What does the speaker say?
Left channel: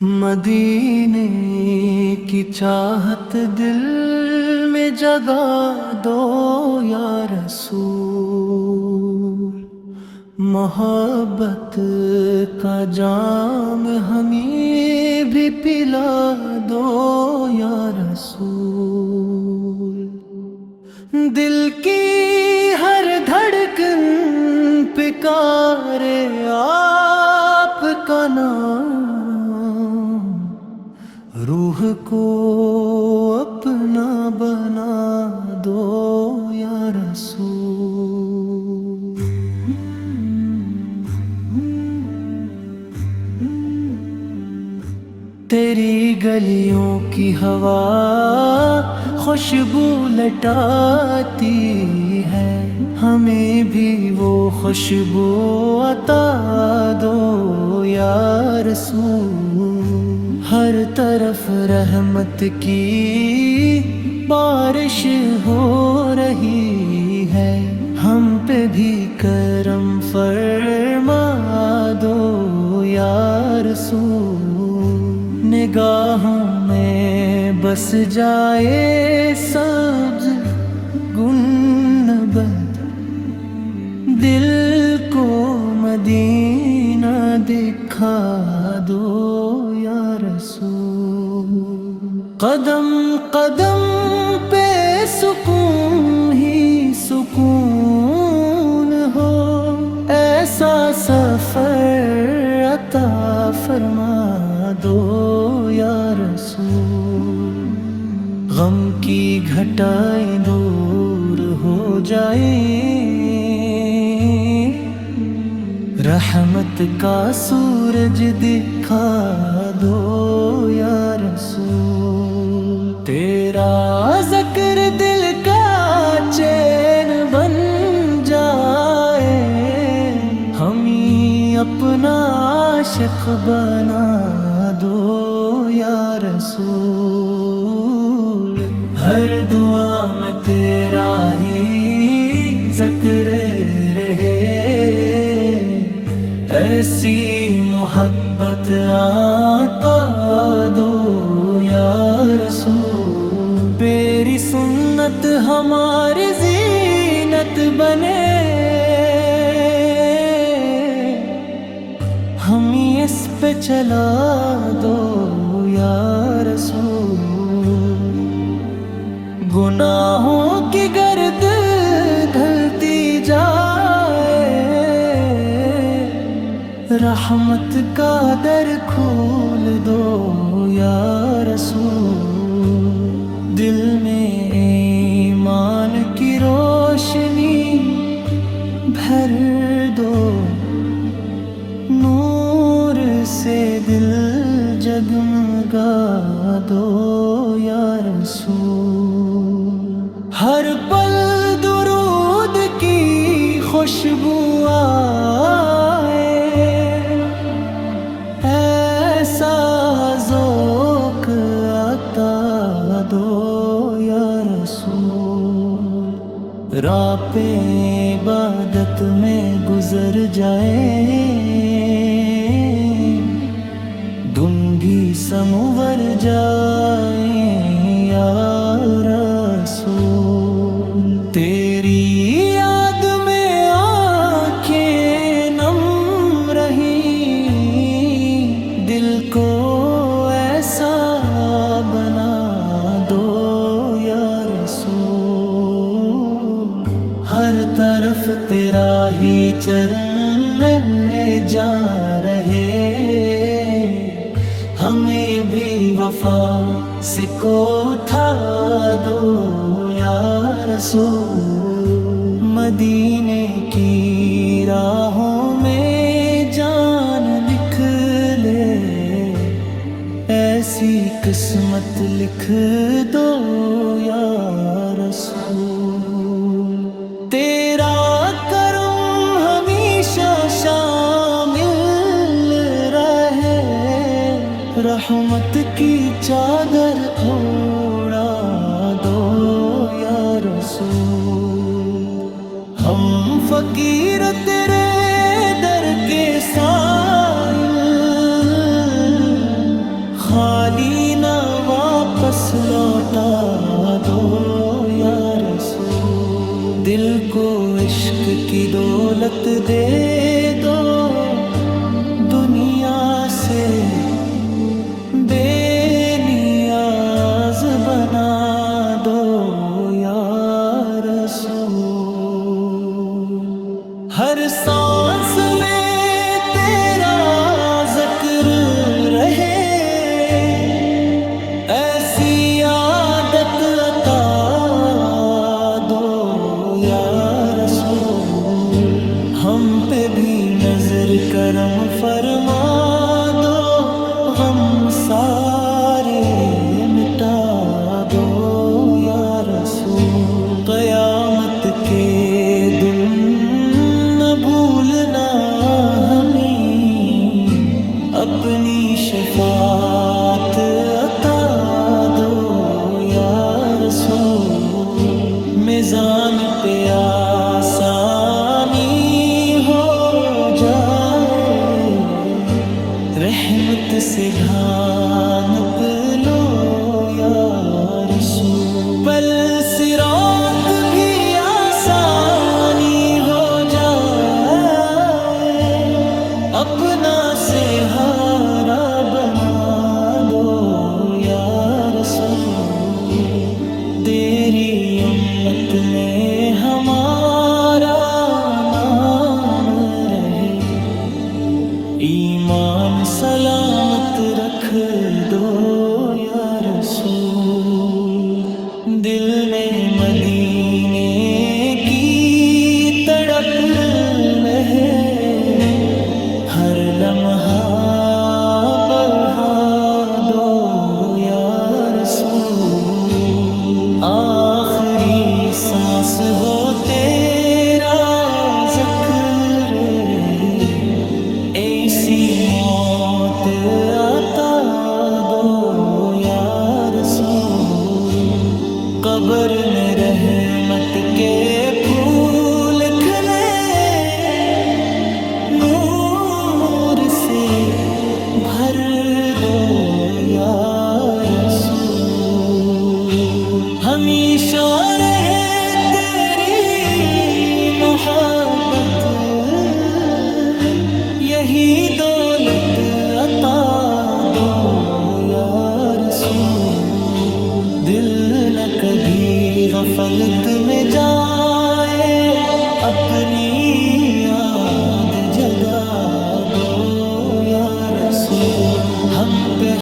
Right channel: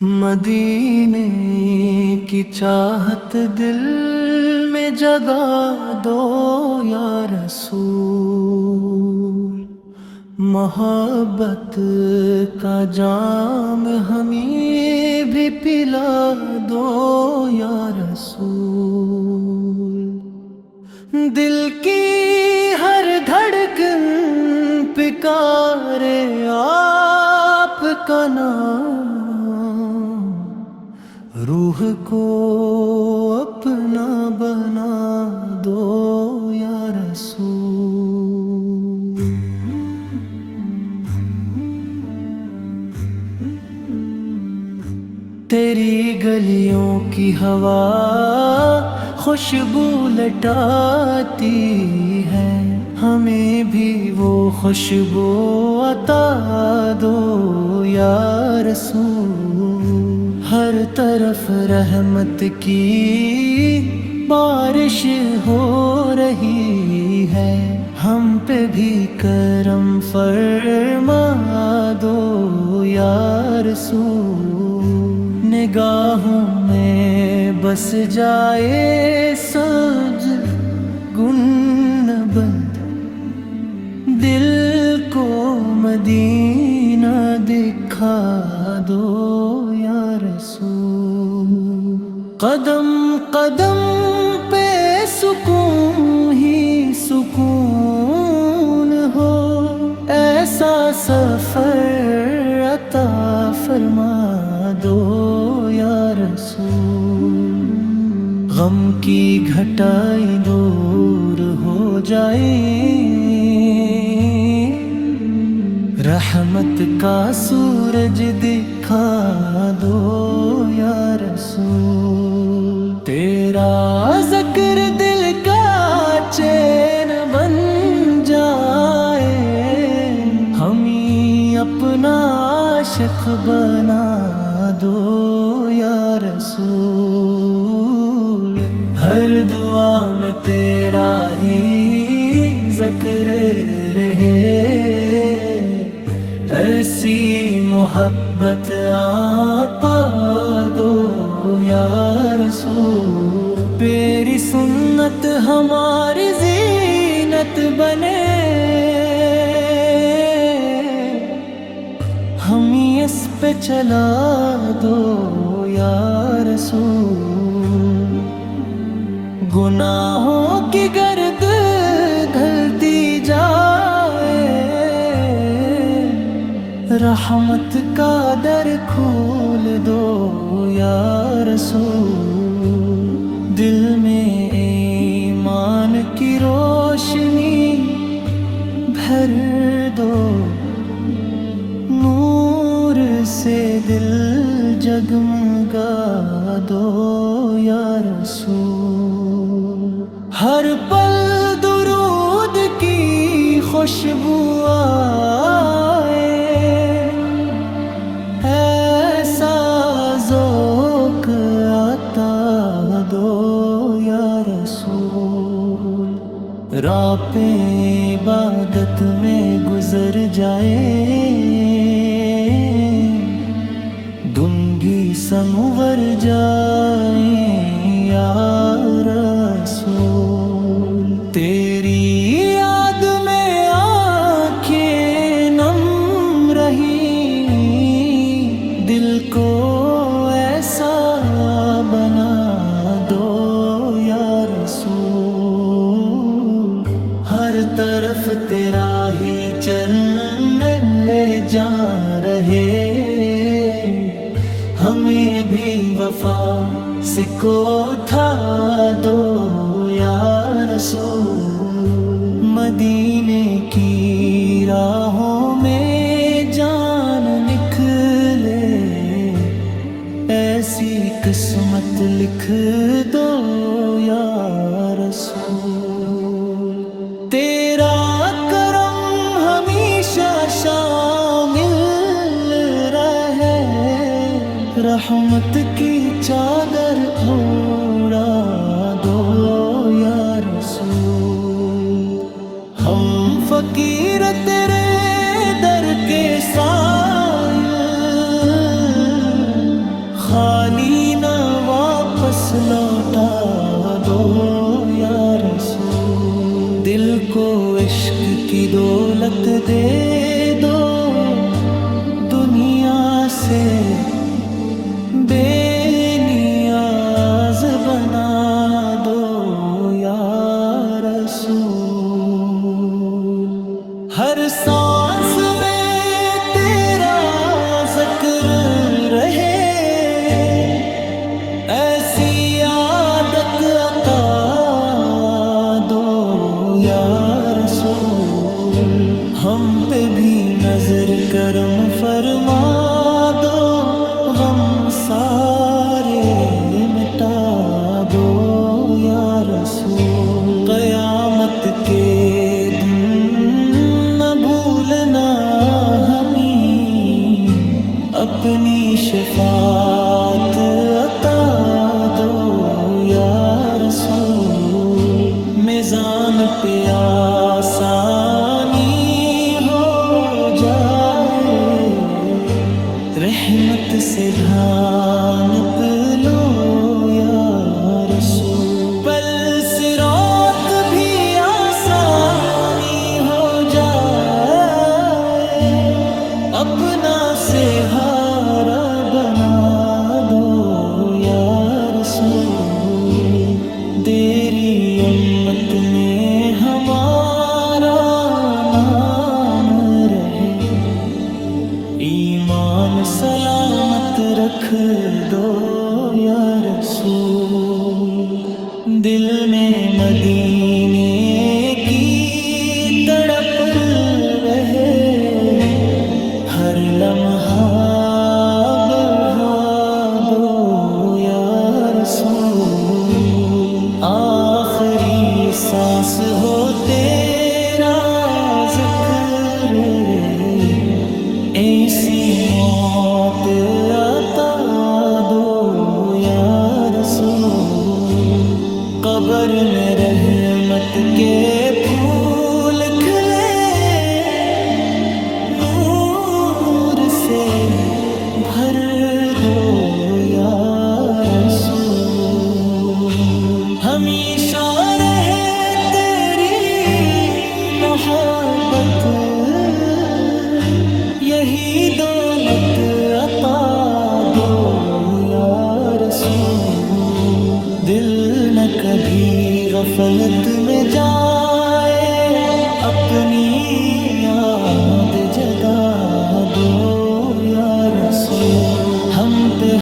مدینے کی چاہت دل میں جگا دو یا رسول، محبت کا جام ہمیں بھی پلا دو یا رسول۔ دل کی ہر دھڑکن پکارے آپ کا نام، روح کو اپنا بنا دو یا رسول۔ تیری گلیوں کی ہوا خوشبو لٹاتی ہے، ہمیں بھی وہ خوشبو عطا دو یا رسول۔ ہر طرف رحمت کی بارش ہو رہی ہے، ہم پہ بھی کرم فرما دو یا رسول۔ نگاہوں میں بس جائے سبز گنبد، دل کو مدینہ دکھا دو یا رسول۔ قدم قدم پہ سکون ہی سکون ہو، ایسا سفر عطا فرما دو یا رسول۔ غم کی گھٹائی دور ہو جائے، رحمت کا سورج دکھا دو یا رسول۔ تیرا ذکر دل کا چین بن جائے، ہمیں اپنا عاشق بنا دو یا رسول۔ ہر دعا میں تیرا ہی ذکر رہے، ایسی محبت عطا دو یا رسول۔ تیری سنت ہماری زینت بنے، ہمیں اس پہ چلا دو یا رسول۔ گناہوں کی گرد ڈھلتی جائے، رحمت کا در کھول دو یا رسول۔ دل میں ایمان کی روشنی بھر دو، نور سے دل جگمگا دو یا رسول۔ ہر پل درود کی خوشبو آئے، ایسا ذوق عطا دو یا رسول۔ راتیں عبادت میں گزر جائے، دن بھی سنور جائیں یا رسول۔ تیری یاد میں آنکھیں نم رہی، دل کو ایسا بنا دو یا رسول۔ ہر طرف تیرا ہی چرن لے جا رہے، ہمیں بھی وفا سے کو اٹھا دو یا رسول۔ مدینے کی راہوں میں جان نکلے، ایسی قسمت لکھ دو یا رسول۔ تیرا کرم ہمیشہ شامل رہے، رحمت کی چادر اوڑا دو یا رسول۔ ہم فقیر تیرے در کے سائل، خالی نہ واپس لوٹا دو یا رسول، دل کو عشق کی دولت دے دو، دنیا سے بے نیاز بنا دو یا رسول۔ ہر سانس میں تیرا ذکر رہے، ایسی عادت عطا دو یا رسول۔ ہم پہ بھی نظر کرم فرما دو، غم سارے مٹا دو یا رسول۔ قیامت کے دن نہ بھولنا ہمیں، اپنی شفاعت عطا دو یا رسول۔ میزان پہ آسانی ہو جائے، رحمت سے ڈھانپ لو یا رسول۔ پل صراط بھی آسانی ہو جائے، اپنا سہارا بنا دو یا رسول۔ تیری امت میں ہمارا نام رہے، ایمان سلامت رکھ دو یا رسول۔ دل میں مدینے کی تڑپ رہے، ہر لمحہ بڑھا دو یا رسول۔ آخری سانس ہو تیرا ذکر رے، ایسی موت عطا دو یا رسول۔ قبر میں رحمت کے پھول کھلے، نور سے بھر دو یا رسول۔ ہمیشہ رہے تیری محبت، یہی دولت عطا دو یا رسول۔ دل نہ کبھی غفلت میں جائے، اپنی یاد جگا دو یا رسول۔ ہم پہ